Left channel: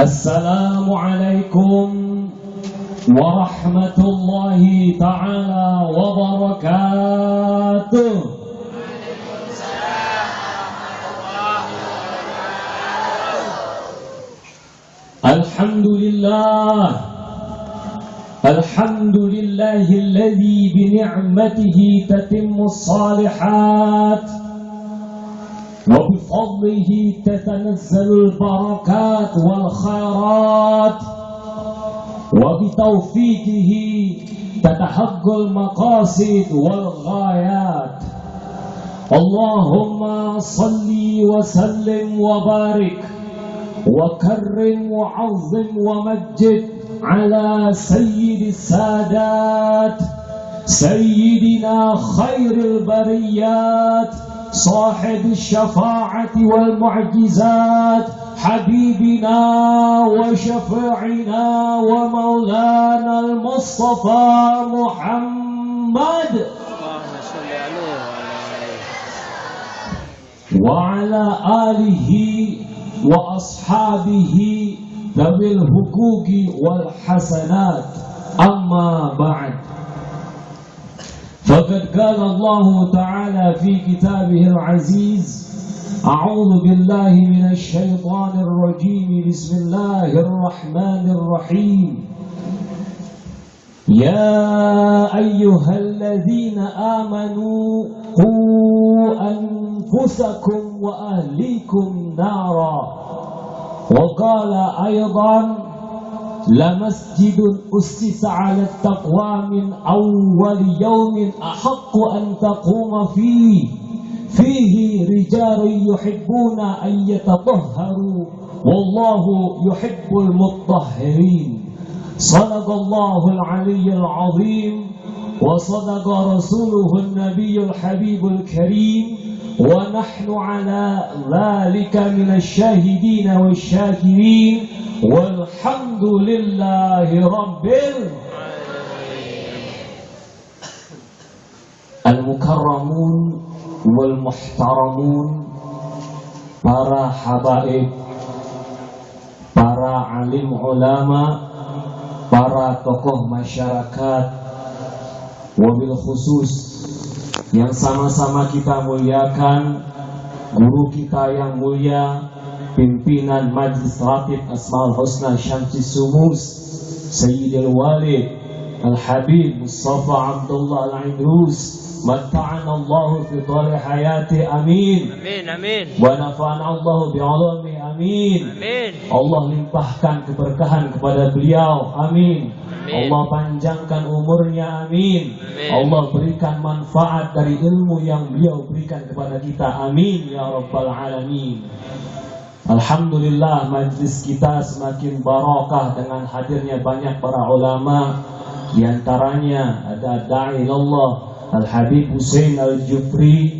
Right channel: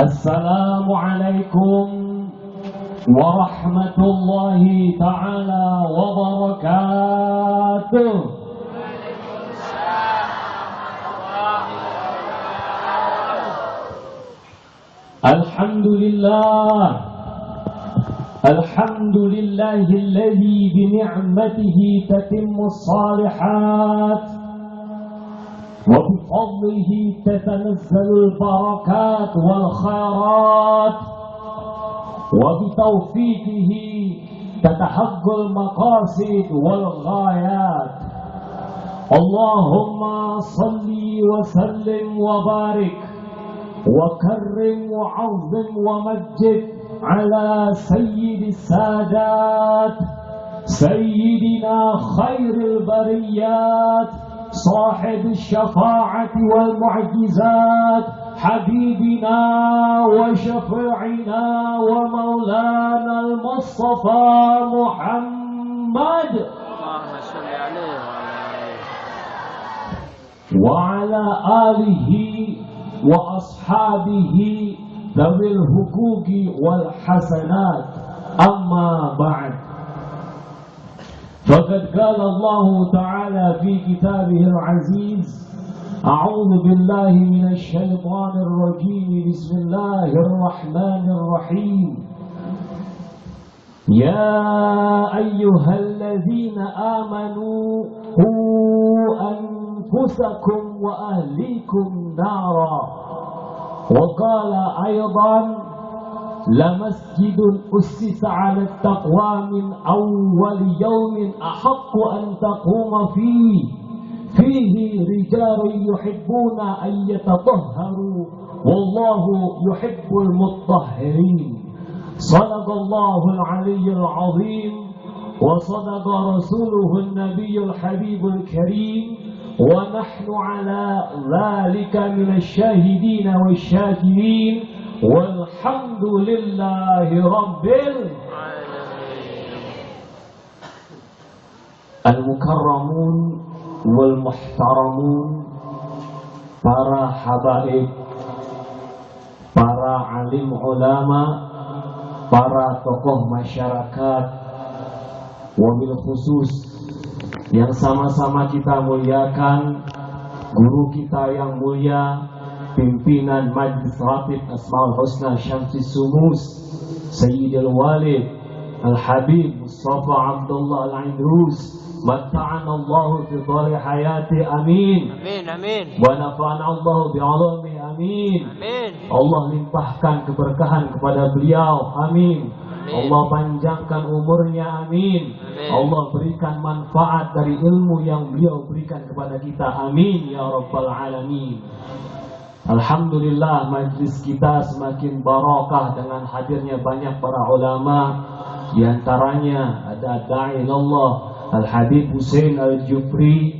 Assalamualaikum warahmatullahi ta'ala wabarakatuh. Alhamdulillah, alhamdulillahilladzi bini'matihi tatimmus salihat وبفضله تتنزل البركات والخيرات وبتوفيقه تتحقق المقاصد والغايات. اللهم صل وسلم وبارك وكرم وعظم ومجد على سيد السادات سيدنا خير البريات صاحب الشفاعة والمعجزات حبيبنا وشفيعنا ومولانا المصطفى محمد وعلى آله وأصحابه ذوي الحقوق والحسنات. أما بعد، فقد قال الله تعالى في كتابه العزيز: أعوذ بالله من الشيطان الرجيم، بسم الله الرحمن الرحيم. يا أيها الذين آمنوا قوا أنفسكم وأهليكم نارا. وقال أيضا: لمسجد أسس على التقوى من أول يوم أحق أن تقوم فيه رجال يحبون أن يتطهروا والله يحب المطهرين. صدق الله العلي العظيم وصدق رسوله النبي الحبيب الكريم، ونحن على ذلك من الشاهدين والشاكرين، والحمد لله رب العالمين. Al-mukarramun wal muhtaramun, para habaib, para alim ulama, para tokoh masyarakat, wabil khusus yang sama-sama kita muliakan guru kita yang mulia, pimpinan Majlis Ratib Asmaul Husna Syamsi Sumus, Sayyidil Walid Al-Habib Mustafa Abdullah Al-Idrus, matta'anallahu fi thari hayati, amin. Amin, amin. Wa nafa'anallahu bi'alami, amin. Amin. Allah limpahkan keberkahan kepada beliau, amin. Allah panjangkan umurnya, amin. Allah berikan manfaat dari ilmu yang beliau berikan kepada kita, amin ya rabbal alamin. Alhamdulillah, majlis kita semakin barokah dengan hadirnya banyak para ulama. Di antaranya ada da'i Allah Al-Habib Husain Al-Jufri,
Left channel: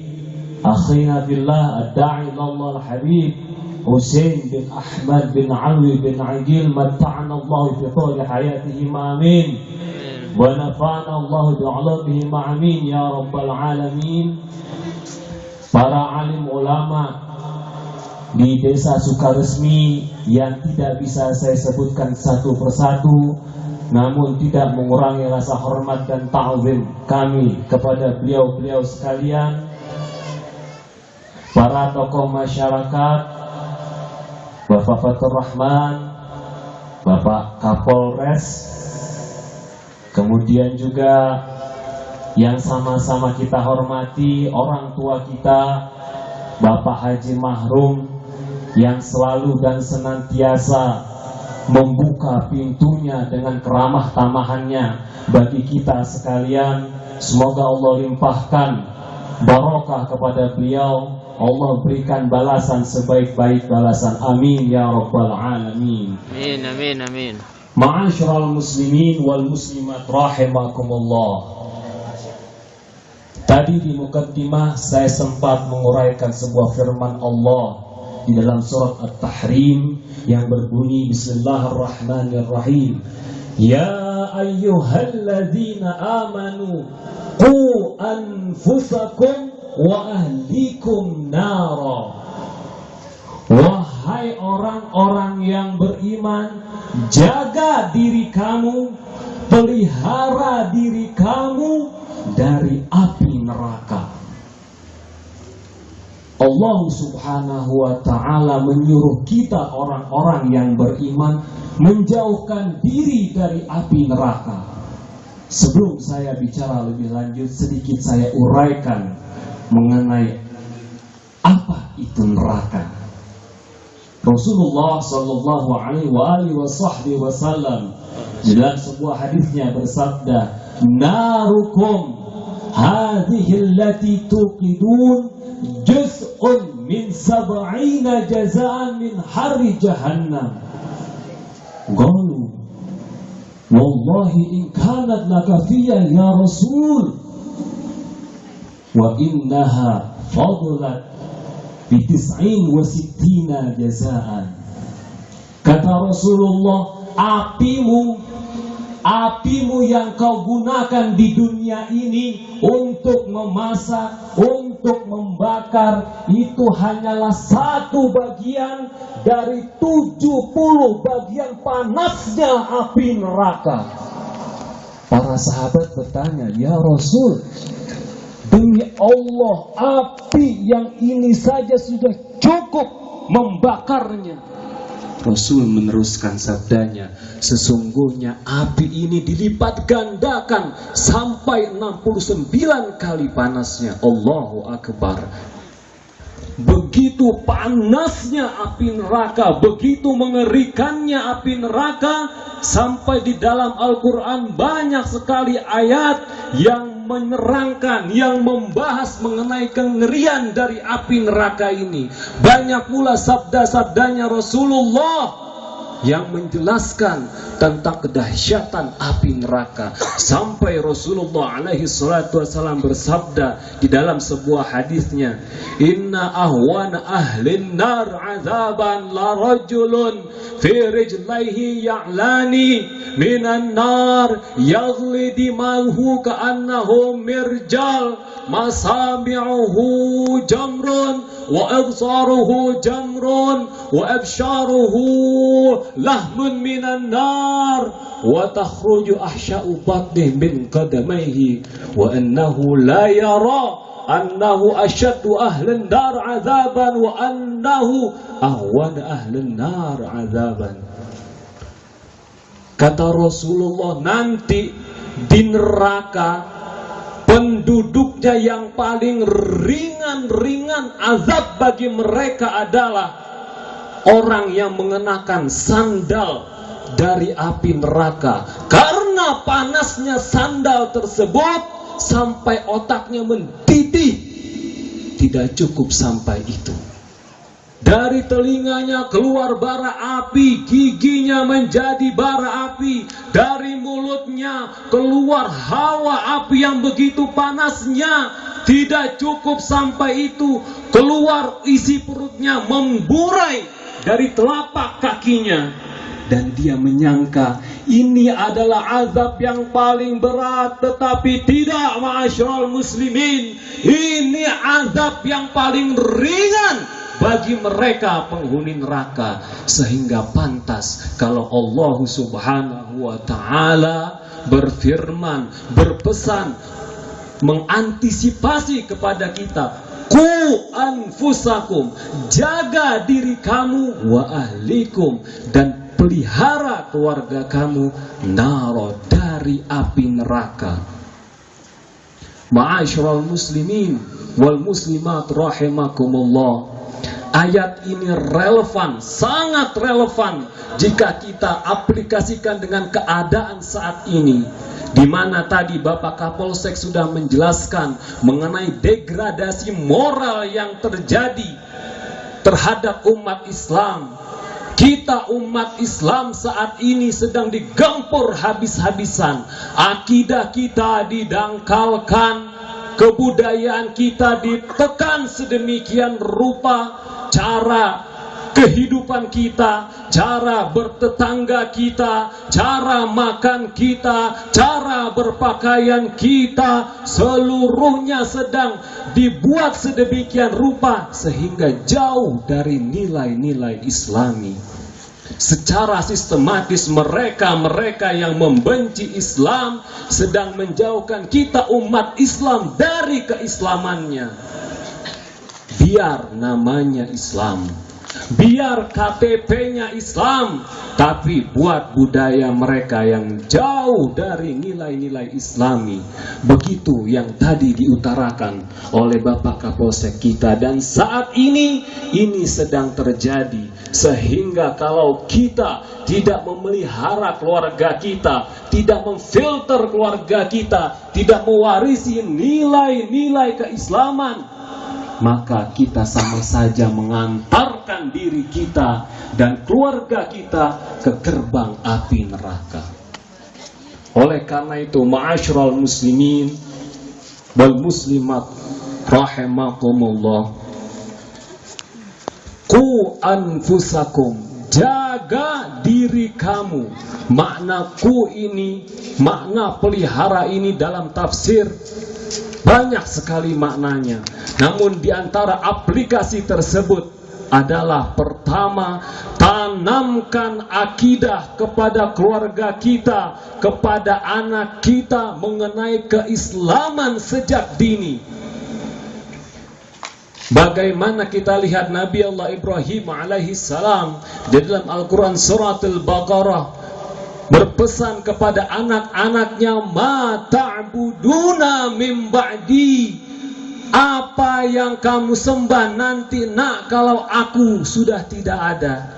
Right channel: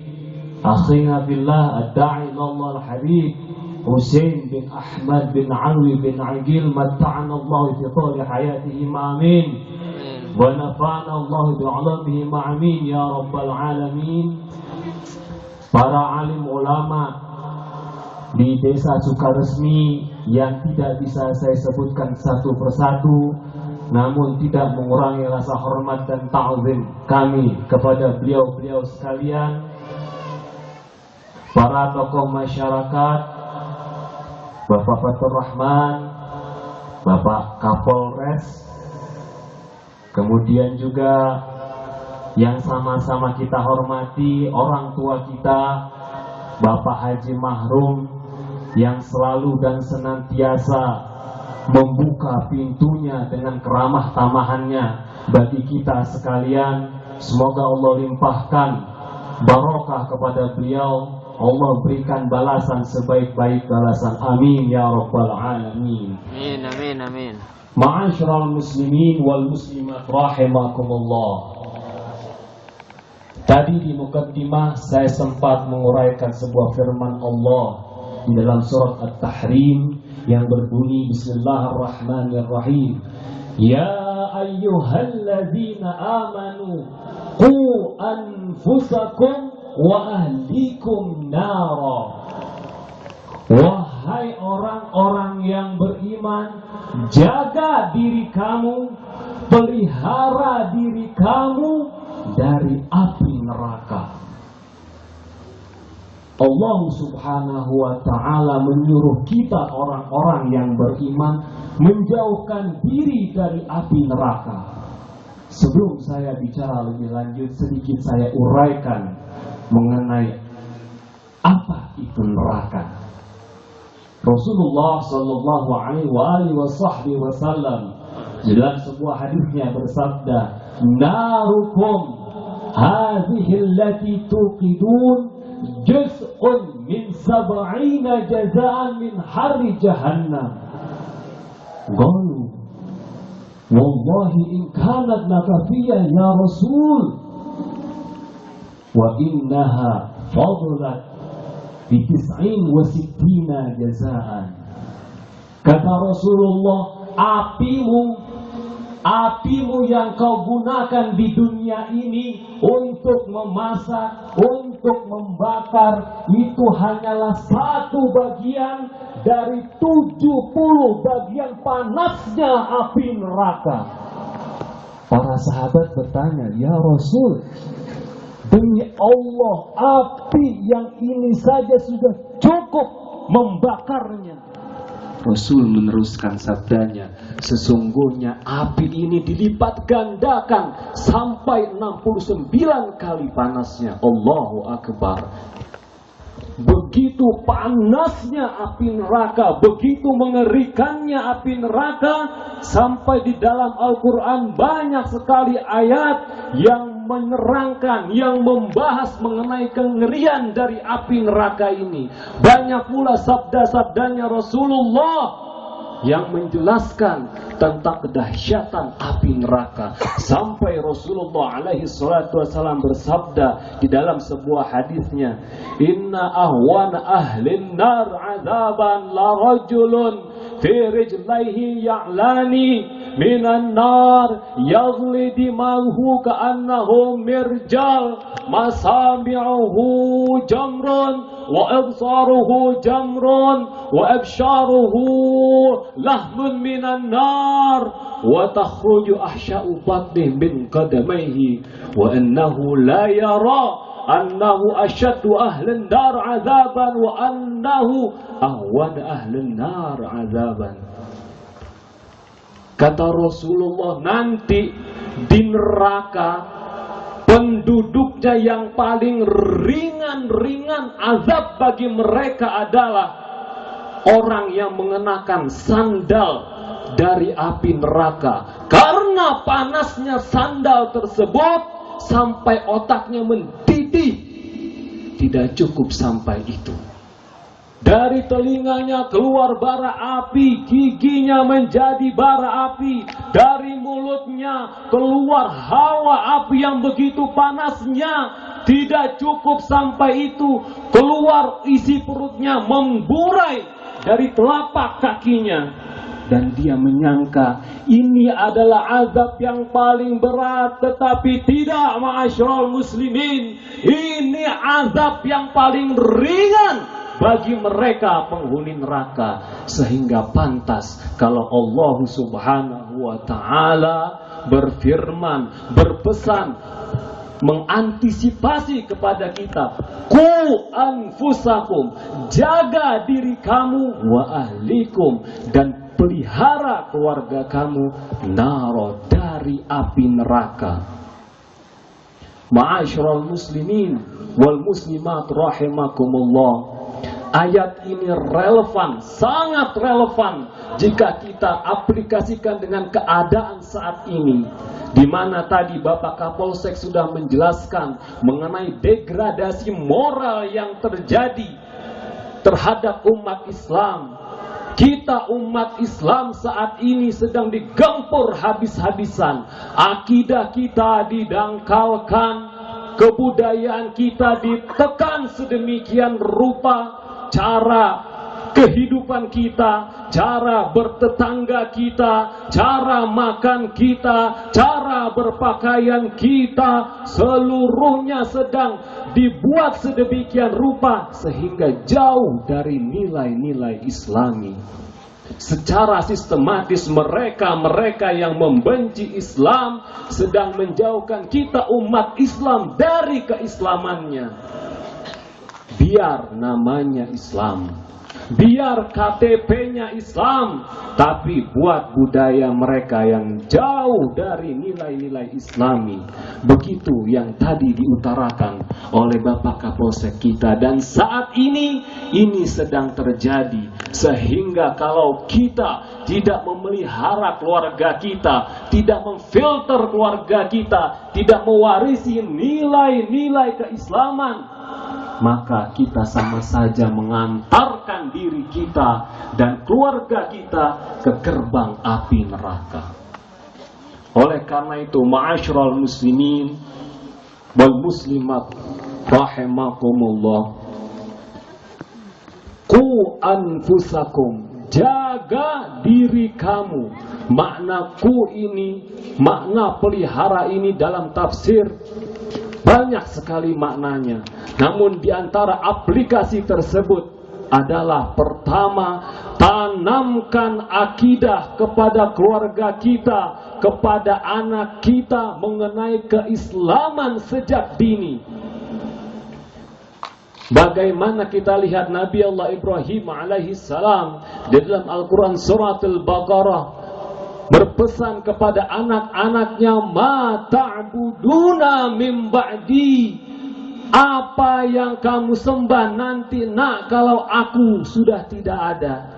akhina fillah, ad-da'i Allah Al-Habib Husain bin Ahmad bin Alwi bin Aqil, matta'ana Allah fi thawli hayatihim, amin. Wa nafa'ana Allah bi'alamihim, amin ya rabbal alamin. Para alim ulama di desa Sukaresmi yang tidak bisa saya sebutkan satu persatu, namun tidak mengurangi rasa hormat dan ta'zim kami kepada beliau-beliau sekalian. Para tokoh masyarakat, Bapak Fatur Rahman, Bapak Kapolres, kemudian juga yang sama-sama kita hormati orang tua kita, Bapak Haji Mahrum, yang selalu dan senantiasa membuka pintunya dengan keramah tamahannya bagi kita sekalian. Semoga Allah limpahkan barokah kepada beliau, Allah berikan balasan sebaik-baik balasan, amin ya rabbal alamin. Amin, amin, amin. Ma'asyiral muslimin wal muslimat rahimakumullah. Tadi di mukaddimah saya sempat menguraikan sebuah firman Allah di dalam surat At-Tahrim yang berbunyi Bismillahirrahmanirrahim. Ya ayyuhalladzina amanu qu anfusakum wa ahlikum nara. Wahai orang-orang yang beriman, Allah Subhanahu wa ta'ala menyuruh kita orang-orang yang beriman menjauhkan diri dari api neraka. Sebelum saya bicara lebih lanjut, sedikit saya uraikan mengenai apa itu neraka. Rasulullah sallallahu alaihi wasallam dalam sebuah hadisnya bersabda, "Narukum hadhihi allati tuqidun juz'un min 70 jazaan min harri jahannam." Qalu, "Wallahi in kanat lakafiyya ya Rasul, wa innaha fadlat bi 69 jazaan." Kata Rasulullah, apimu yang kau gunakan di dunia ini untuk memasak, untuk membakar, itu hanyalah satu bagian dari 70 bagian panasnya api neraka. Para sahabat bertanya, "Ya Rasul, demi Allah, api yang ini saja sudah cukup membakarnya." Rasul meneruskan sabdanya, "Sesungguhnya api ini dilipat gandakan sampai 69 kali panasnya." Allahu Akbar. Begitu panasnya api neraka, begitu mengerikannya api neraka, sampai di dalam Al-Quran banyak sekali ayat yang menerangkan, yang membahas mengenai kengerian dari api neraka ini. Banyak pula sabda-sabdanya Rasulullah yang menjelaskan tentang kedahsyatan api neraka. Sampai Rasulullah alaihi salatu wasallam bersabda di dalam sebuah hadisnya, "Inna ahwana ahlin nar azaban la rajulun fi rijlaihi ya'lani minan nar yaghli dimahu ka'annahu mirjal masami'uhu jamrun wa absaruhu jamrun wa absharuhu lahmun minan nar wa takhruju ahsya'u batnih min qadamaihi wa annahu la yara annahu asyaddu ahlin nar azaban wa annahu ahwan ahlin nar azaban." Kata Rasulullah, nanti di neraka penduduknya yang paling ringan azab bagi mereka adalah orang yang mengenakan sandal dari api neraka. Karena panasnya sandal tersebut sampai otaknya mendidih. Tidak cukup sampai itu. Dari telinganya keluar bara api, giginya menjadi bara api, dari mulutnya keluar hawa api yang begitu panasnya. Tidak cukup sampai itu, keluar isi perutnya memburai dari telapak kakinya. Dan dia menyangka ini adalah azab yang paling berat, tetapi tidak, ma'asyiral muslimin. Ini azab yang paling ringan bagi mereka penghuni neraka. Sehingga pantas kalau Allah Subhanahu wa ta'ala berfirman, berpesan, mengantisipasi kepada kita, "Qu anfusakum," jaga diri kamu, "wa ahlikum," dan pelihara keluarga kamu, "naro," dari api neraka. Ma'asyiral muslimin wal muslimat rahimakumullah. Ayat ini relevan, sangat relevan jika kita aplikasikan dengan keadaan saat ini, di mana tadi Bapak Kapolsek sudah menjelaskan mengenai degradasi moral yang terjadi terhadap umat Islam. Kita umat Islam saat ini sedang digempur habis-habisan. Akidah kita didangkalkan, kebudayaan kita ditekan sedemikian rupa, cara kehidupan kita, cara bertetangga kita, cara makan kita, cara berpakaian kita, seluruhnya sedang dibuat sedemikian rupa sehingga jauh dari nilai-nilai Islami. Secara sistematis mereka yang membenci Islam sedang menjauhkan kita umat Islam dari keislamannya. biar namanya Islam, biar KTP-nya Islam, tapi buat budaya mereka yang jauh dari nilai-nilai Islami. Begitu yang tadi diutarakan oleh Bapak Kapolsek kita, dan saat ini sedang terjadi. Sehingga kalau kita tidak memelihara keluarga kita, tidak memfilter keluarga kita, tidak mewarisi nilai-nilai keislaman, maka kita sama saja mengantarkan diri kita dan keluarga kita ke gerbang api neraka. Oleh karena itu, ma'asyiral muslimin wal muslimat rahimakumullah, qu anfusakum, jaga diri kamu. Makna ku ini, makna pelihara ini dalam tafsir banyak sekali maknanya. Namun di antara aplikasi tersebut adalah pertama, tanamkan akidah kepada keluarga kita, kepada anak kita mengenai keislaman sejak dini. Bagaimana kita lihat Nabi Allah Ibrahim alaihi salam di dalam Al-Quran surat Al-Baqarah berpesan kepada anak-anaknya, ma ta'buduna min ba'di, apa yang kamu sembah nanti nak kalau aku sudah tidak ada,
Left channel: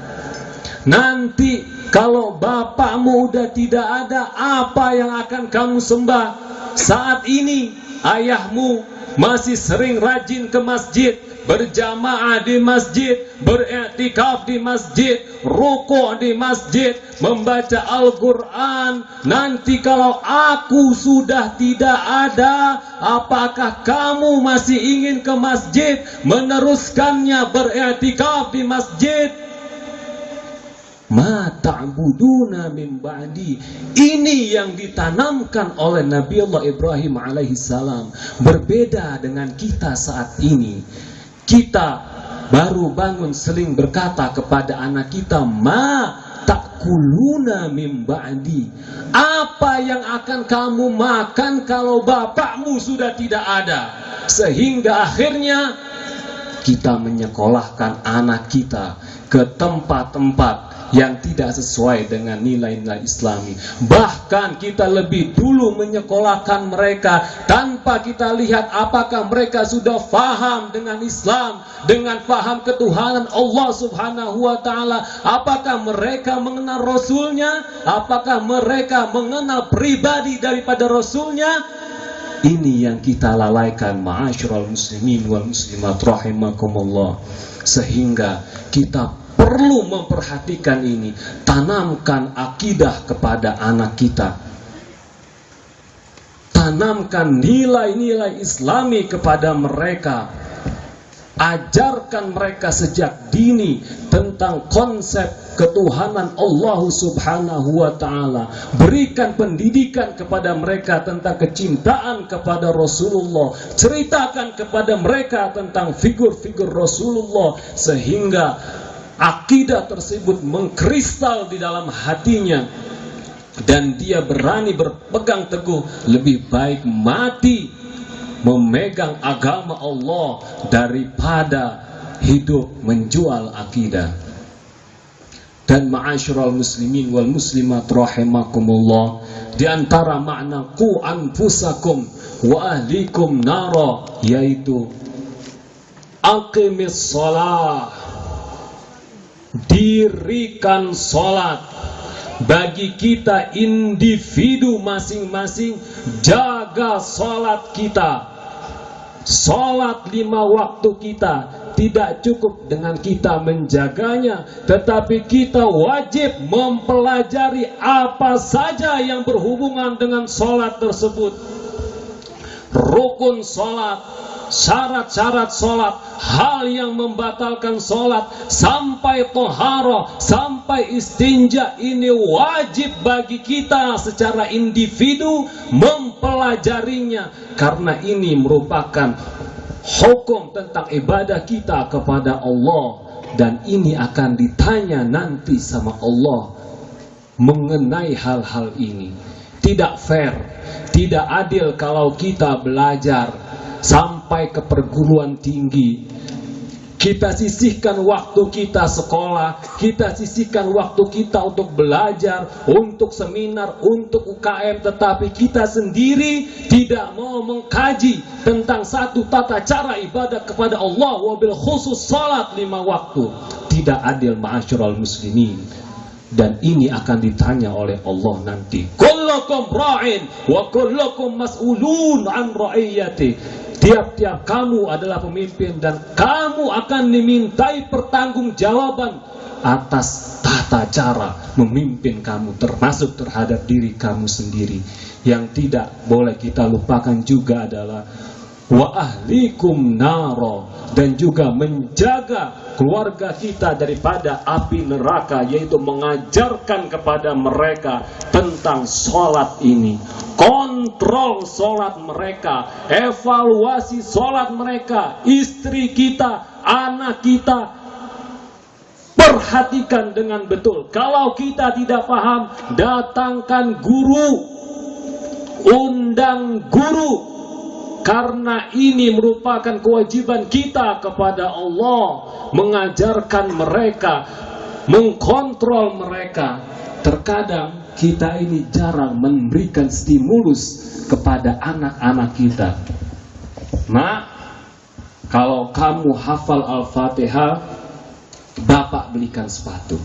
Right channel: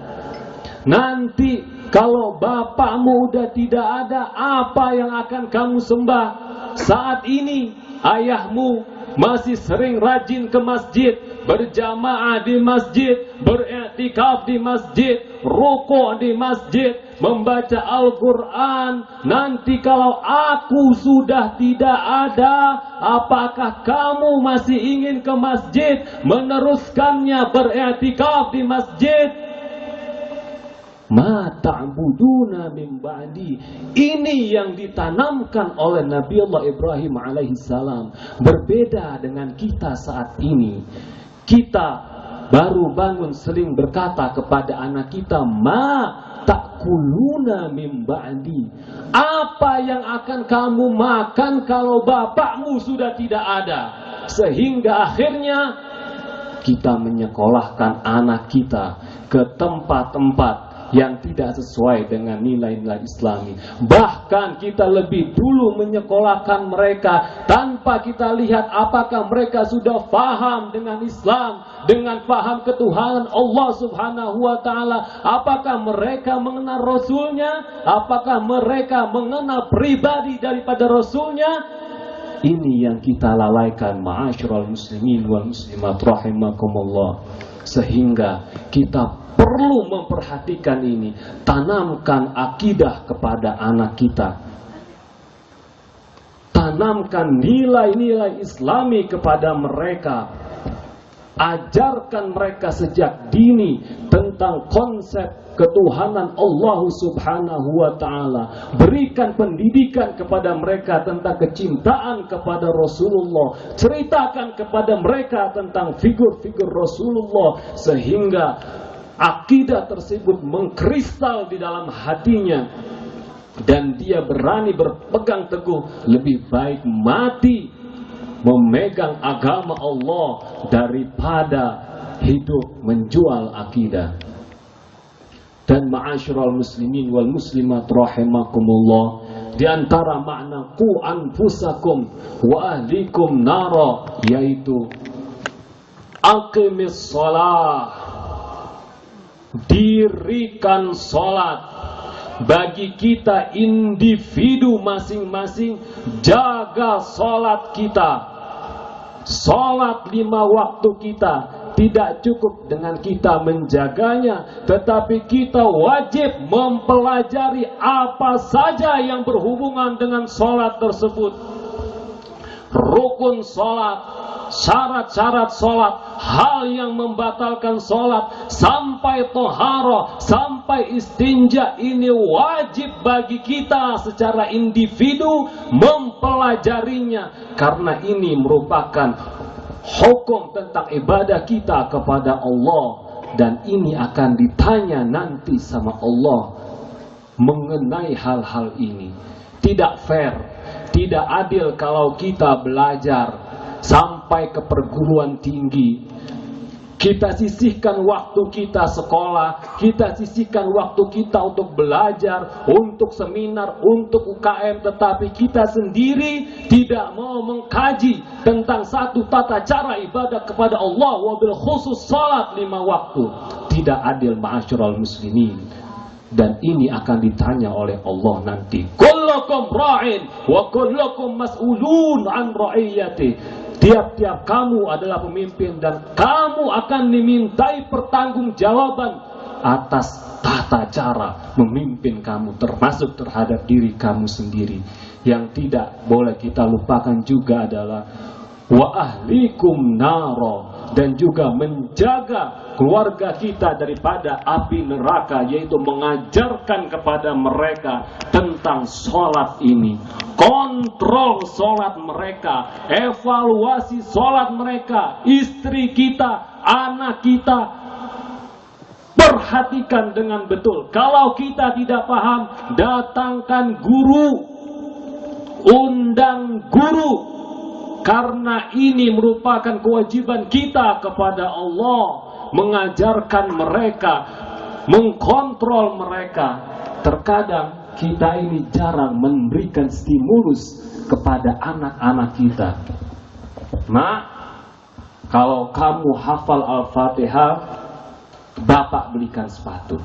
nanti kalau bapakmu udah tidak ada, apa yang akan kamu sembah? Saat ini ayahmu masih sering rajin ke masjid, berjamaah di masjid, beriktikaf di masjid, rukuk di masjid, membaca Al-Quran. Nanti kalau aku sudah tidak ada, apakah kamu masih ingin ke masjid, meneruskannya beriktikaf di masjid? Ma ta'buduna min ba'di. Ini yang ditanamkan oleh Nabi Allah Ibrahim alaihi salam. Berbeda dengan kita saat ini. Kita baru bangun sering berkata kepada anak kita, ma ta'kuluna min ba'di. Apa yang akan kamu makan kalau bapakmu sudah tidak ada? Sehingga akhirnya kita menyekolahkan anak kita ke tempat-tempat yang tidak sesuai dengan nilai-nilai Islami. Bahkan kita lebih dulu menyekolahkan mereka tanpa kita lihat apakah mereka sudah faham dengan Islam, dengan faham ketuhanan Allah subhanahu wa ta'ala. Apakah mereka mengenal Rasulnya? Apakah mereka mengenal pribadi daripada Rasulnya? Ini yang kita lalaikan, ma'asyiral muslimin wal muslimat rahimakumullah. Sehingga kita perlu memperhatikan ini. Tanamkan akidah kepada anak kita, tanamkan nilai-nilai Islami kepada mereka. Ajarkan mereka sejak dini tentang konsep ketuhanan Allah subhanahu wa ta'ala. Berikan pendidikan kepada mereka tentang kecintaan kepada Rasulullah. Ceritakan kepada mereka tentang figur-figur Rasulullah, sehingga akidah tersebut mengkristal di dalam hatinya dan dia berani berpegang teguh. Lebih baik mati memegang agama Allah daripada hidup menjual akidah. Dan ma'asyiral muslimin wal muslimat rahimakumullah, di antara makna qu anfusakum wa ahlikum nara, yaitu aqimis shalah, dirikan sholat. Bagi kita individu masing-masing, jaga sholat kita. Sholat 5 waktu kita tidak cukup dengan kita menjaganya, tetapi kita wajib mempelajari apa saja yang berhubungan dengan sholat tersebut. Rukun sholat, syarat-syarat sholat, hal yang membatalkan sholat, sampai toharoh, sampai istinja, ini wajib bagi kita secara individu mempelajarinya, karena ini merupakan hukum tentang ibadah kita kepada Allah, dan ini akan ditanya nanti sama Allah mengenai hal-hal ini. Tidak fair, tidak adil kalau kita belajar sampai ke perguruan tinggi, Kita sisihkan waktu kita sekolah, kita sisihkan waktu kita untuk belajar, untuk seminar, untuk UKM, tetapi kita sendiri tidak mau mengkaji tentang satu tata cara ibadah kepada Allah, wabil khusus salat 5 waktu. Tidak adil ma'asyiral muslimin. Dan ini akan ditanya oleh Allah nanti. Kullukum ra'in wa kullukum mas'ulun an ra'iyati. Tiap-tiap kamu adalah pemimpin dan kamu akan dimintai pertanggungjawaban atas tata cara memimpin kamu, termasuk terhadap diri kamu sendiri. Yang tidak boleh kita lupakan juga adalah wa ahlikum naro, dan juga menjaga keluarga kita daripada api neraka, yaitu mengajarkan kepada mereka tentang sholat ini, kontrol sholat mereka, evaluasi sholat mereka, istri kita, anak kita, perhatikan dengan betul. Kalau kita tidak paham, datangkan guru, undang guru. Karena ini merupakan kewajiban kita kepada Allah, mengajarkan mereka, mengkontrol mereka. Terkadang kita ini jarang memberikan stimulus kepada anak-anak kita. Nah, kalau kamu hafal Al-Fatihah, bapak belikan sepatu.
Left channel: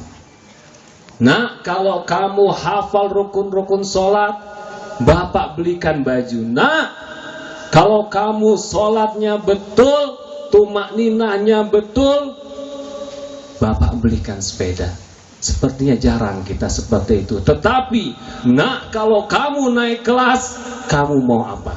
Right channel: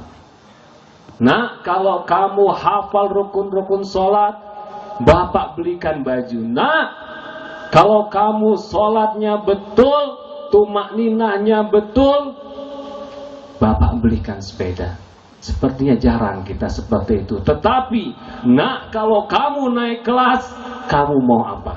Nah, kalau kamu hafal rukun-rukun sholat, bapak belikan baju. Nah, kalau kamu sholatnya betul, tumakninahnya betul, bapak belikan sepeda. Sepertinya jarang kita seperti itu. Tetapi, nak, kalau kamu naik kelas, kamu mau apa?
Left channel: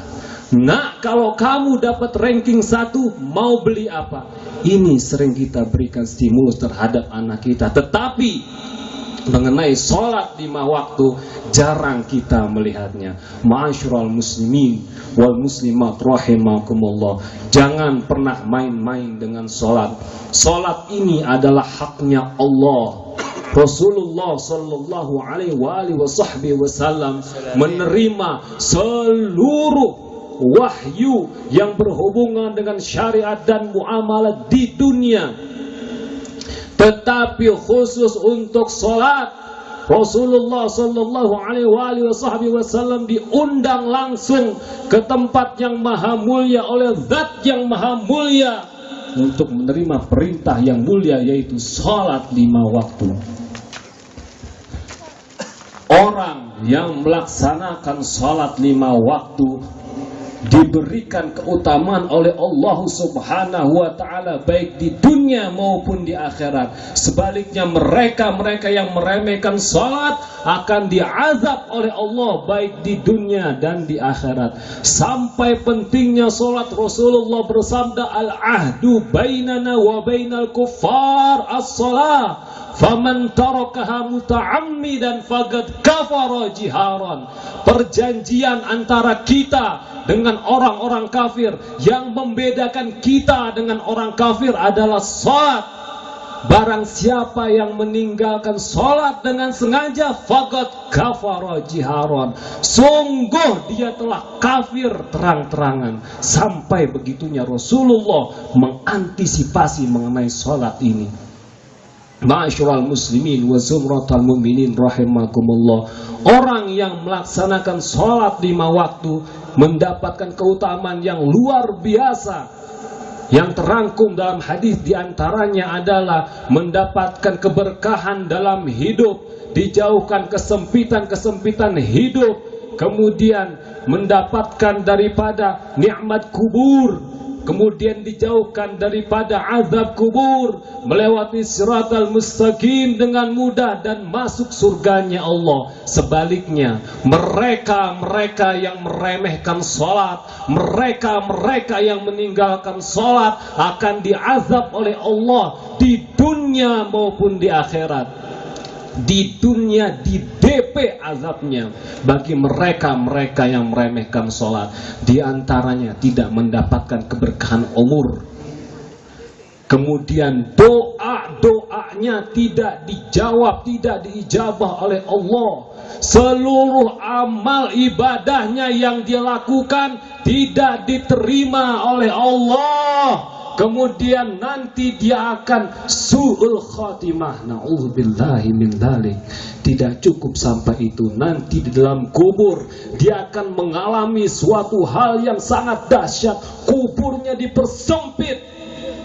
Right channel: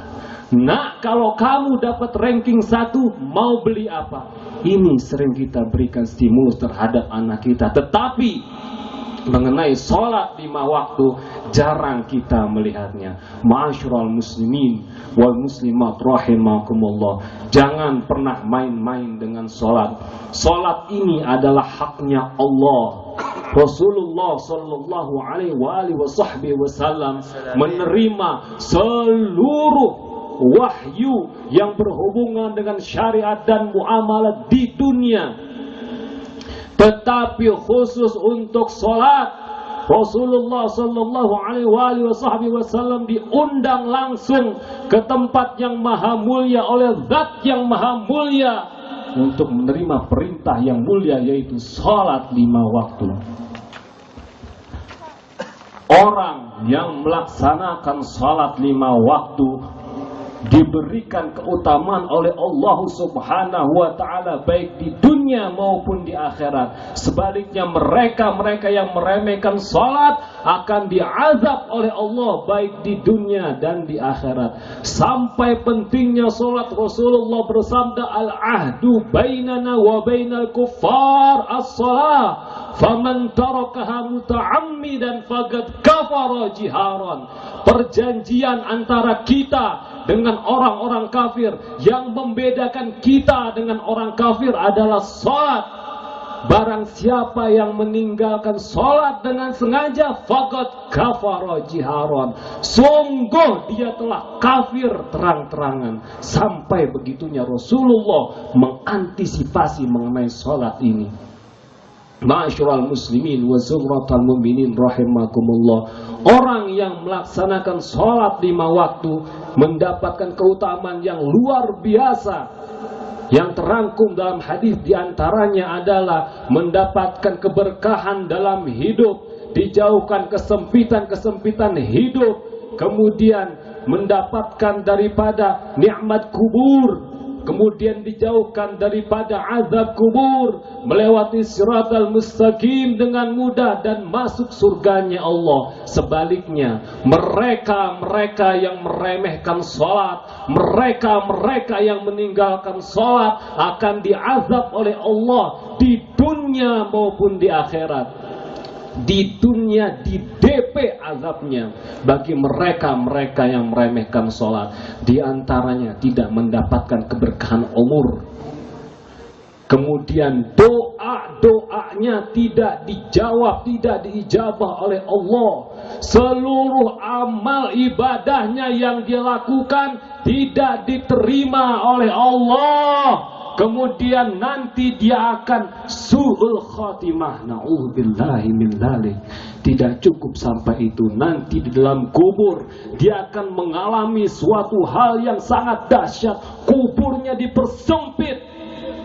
Nak, kalau kamu dapat ranking 1, mau beli apa? Ini sering kita berikan stimulus terhadap anak kita. Tetapi mengenai sholat 5 waktu jarang kita melihatnya. Ma'asyiral muslimin wal muslimat rahimakumullah, jangan pernah main-main dengan sholat. Sholat ini adalah haknya Allah. Rasulullah sallallahu alaihi wasallam menerima seluruh wahyu yang berhubungan dengan syariat dan muamalah di dunia. Tetapi khusus untuk sholat, Rasulullah sallallahu alaihi wasallam diundang langsung ke tempat yang maha mulia oleh zat yang maha mulia untuk menerima perintah yang mulia, yaitu sholat 5 waktu. Orang yang melaksanakan sholat 5 waktu diberikan keutamaan oleh Allah Subhanahu wa ta'ala, baik di dunia maupun di akhirat. Sebaliknya mereka yang meremehkan salat akan diazab oleh Allah baik di dunia dan di akhirat. Sampai pentingnya salat, Rasulullah bersabda, al-ahdu bainana wa bainal kuffar as-salah, faman tarakaha muta'ammidan faqad kafara jiharan. Perjanjian antara kita dengan orang-orang kafir, yang membedakan kita dengan orang kafir adalah salat. Barang siapa yang meninggalkan salat dengan sengaja, faqad kafara jiharan, sungguh dia telah kafir terang-terangan. Sampai begitunya Rasulullah mengantisipasi mengenai salat ini. Ma'asyiral muslimin wa zumratal mu'minin rahimakumullah, orang yang melaksanakan sholat 5 waktu mendapatkan keutamaan yang luar biasa. Yang terangkum dalam hadis diantaranya adalah mendapatkan keberkahan dalam hidup, dijauhkan kesempitan-kesempitan hidup, kemudian mendapatkan daripada nikmat kubur, kemudian dijauhkan daripada azab kubur, melewati siratal mustaqim dengan mudah dan masuk surganya Allah. Sebaliknya, mereka yang meremehkan salat, mereka yang meninggalkan salat akan diazab oleh Allah di dunia maupun di akhirat. Di dunia di DP azabnya bagi mereka yang meremehkan sholat. Di antaranya tidak mendapatkan keberkahan umur, kemudian doanya tidak dijawab, tidak diijabah oleh Allah. Seluruh amal ibadahnya yang dia lakukan tidak diterima oleh Allah. kemudian nanti dia akan su'ul khatimah. Na'udzubillahi min dzalik. Tidak cukup sampai itu, nanti di dalam kubur dia akan mengalami suatu hal yang sangat dahsyat. Kuburnya dipersempit,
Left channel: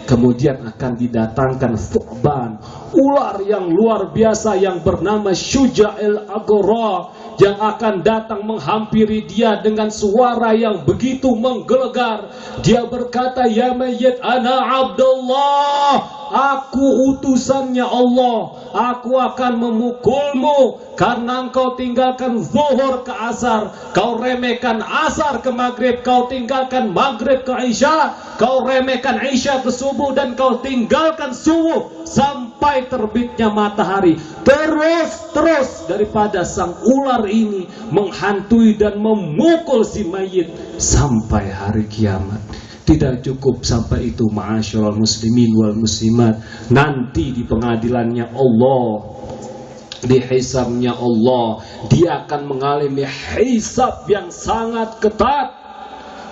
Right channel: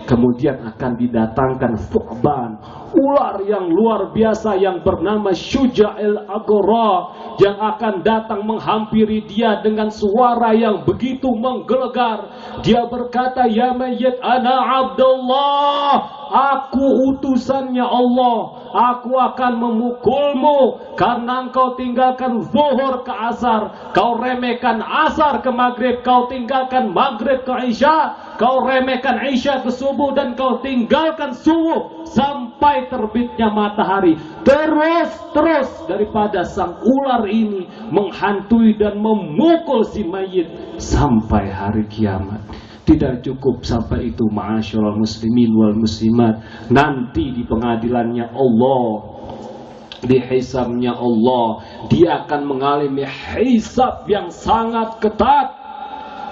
kemudian akan didatangkan thu'ban, ular yang luar biasa yang bernama Syuja'il Aghra, yang akan datang menghampiri dia dengan suara yang begitu menggelegar. Dia berkata, ya mayyit, ana Abdullah, aku utusannya Allah, aku akan memukulmu karena engkau tinggalkan zuhur ke asar, kau remehkan asar ke maghrib, kau tinggalkan maghrib ke isya, kau remehkan isya ke subuh, dan kau tinggalkan subuh sampai terbitnya matahari. Terus daripada sang ular ini menghantui dan memukul si mayit sampai hari kiamat. Tidak cukup sampai itu, ma'asyiral muslimin wal muslimat. Nanti di pengadilannya Allah, di hisabnya Allah, dia akan mengalami hisab yang sangat ketat.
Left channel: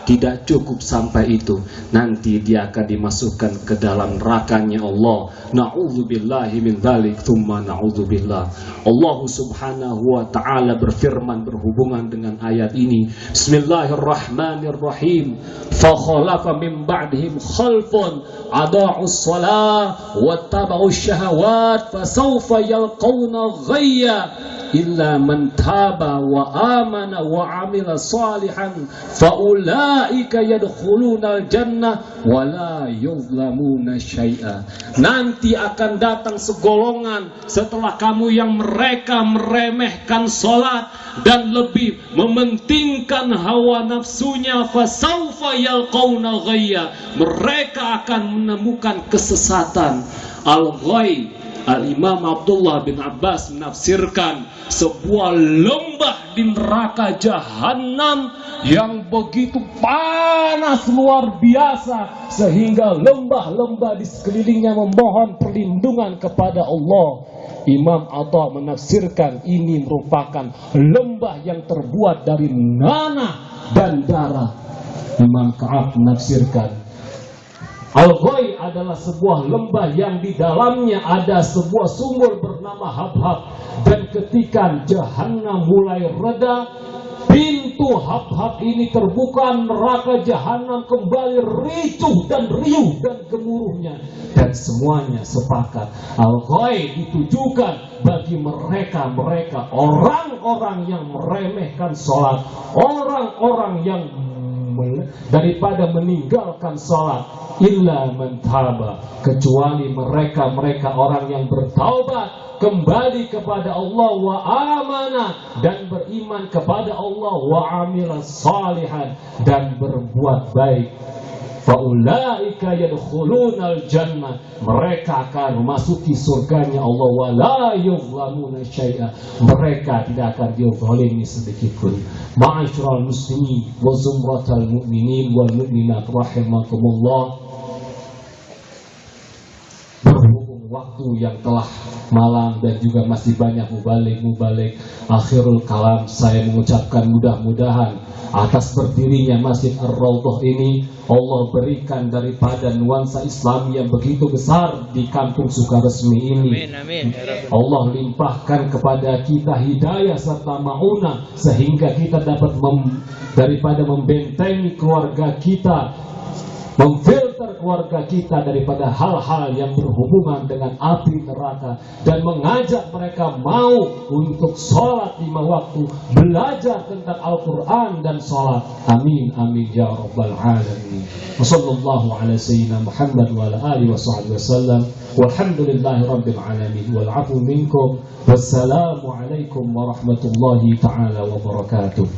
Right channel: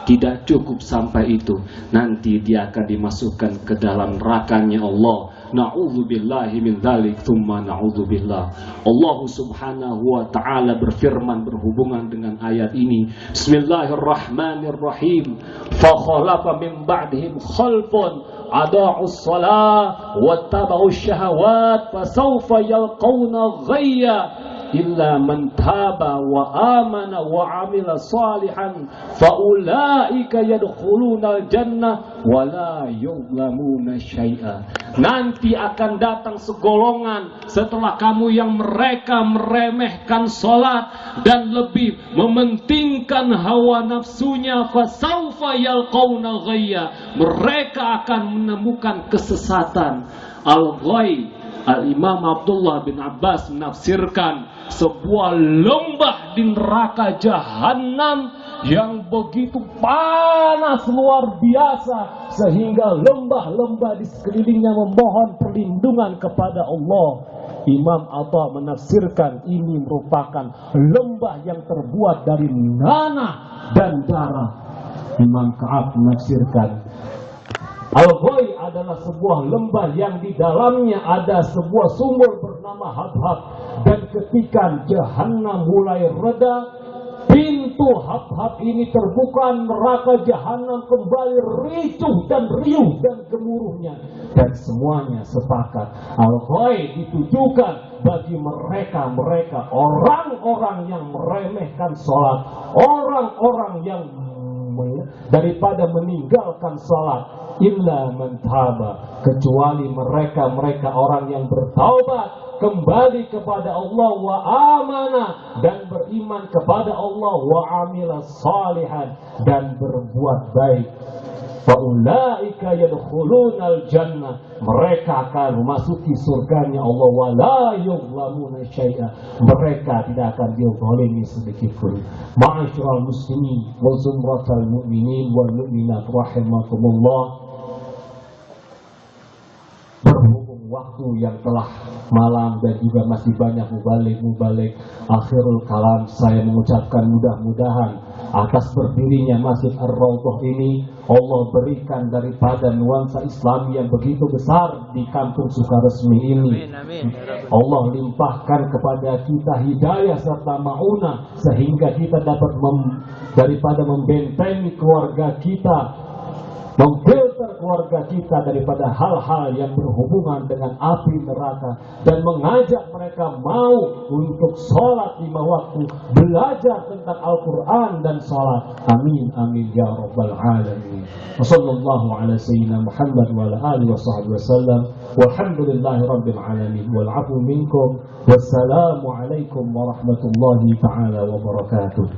Tidak cukup sampai itu, nanti dia akan dimasukkan ke dalam nerakanya Allah. Na'udzubillahi min dzalik, tsumma na'udzubillah. Allah subhanahu wa ta'ala berfirman berhubungan dengan ayat ini. Bismillahirrahmanirrahim. Fa khalafa min ba'dihim khalfun adaa'us shalah wattaba'us syahawat fasawfa yalqawna ghayya illa man taba wa amana wa amila salihan faulaika yadkhulunal jannah wa la yuzlamuna syai'a. Nanti akan datang segolongan setelah kamu yang mereka meremehkan salat dan lebih mementingkan hawa nafsunya, fasaufa yalqauna ghayya, mereka akan menemukan kesesatan. Al-ghay, Al-Imam Abdullah bin Abbas menafsirkan sebuah lembah di neraka Jahannam yang begitu panas luar biasa sehingga lembah-lembah di sekelilingnya memohon perlindungan kepada Allah. Imam Atha menafsirkan ini merupakan lembah yang terbuat dari nanah dan darah. Imam Ka'ab menafsirkan Al-Ghay adalah sebuah lembah yang di dalamnya ada sebuah sumur bernama Habhab, dan ketika Jahannam mulai reda, pintu Habhab ini terbuka, neraka Jahannam kembali ricuh dan riuh dan gemuruhnya, dan semuanya sepakat Al-Ghay ditujukan bagi mereka orang-orang yang meremehkan sholat, orang-orang yang daripada meninggalkan sholat, illa man taba, kecuali mereka orang yang bertaubat kembali kepada Allah, wa amana, dan beriman kepada Allah, wa amila salihan, dan berbuat baik. Faulaika yadkhulunal jannah, mereka akan memasuki surganya Allah, wa la yuzlamuna syai'a, mereka tidak akan dizalimi sedikit pun. Ma'asyiral muslimin wa zumratal mu'minin wal mu'minat rahimakumullah, berhubung waktu yang telah malam dan juga masih banyak mubalik, akhirul kalam saya mengucapkan mudah-mudahan atas berdirinya Masjid Ar-Raudhah ini Allah berikan daripada nuansa Islam yang begitu besar di kampung Sukaresmi ini. Amin. Allah limpahkan kepada kita hidayah serta maunah sehingga kita dapat daripada membentengi keluarga kita, memfilter keluarga kita daripada hal-hal yang berhubungan dengan api neraka, dan mengajak mereka mau untuk sholat 5 waktu, belajar tentang Al-Quran dan sholat. Amin amin ya rabbal alamin. Wassallallahu ala sayyidina Muhammad wa ala alihi wa sahbihi wasallam, walhamdulillahi rabbil alamin, wal afu minkum, wassalamu alaikum warahmatullahi ta'ala wabarakatuh.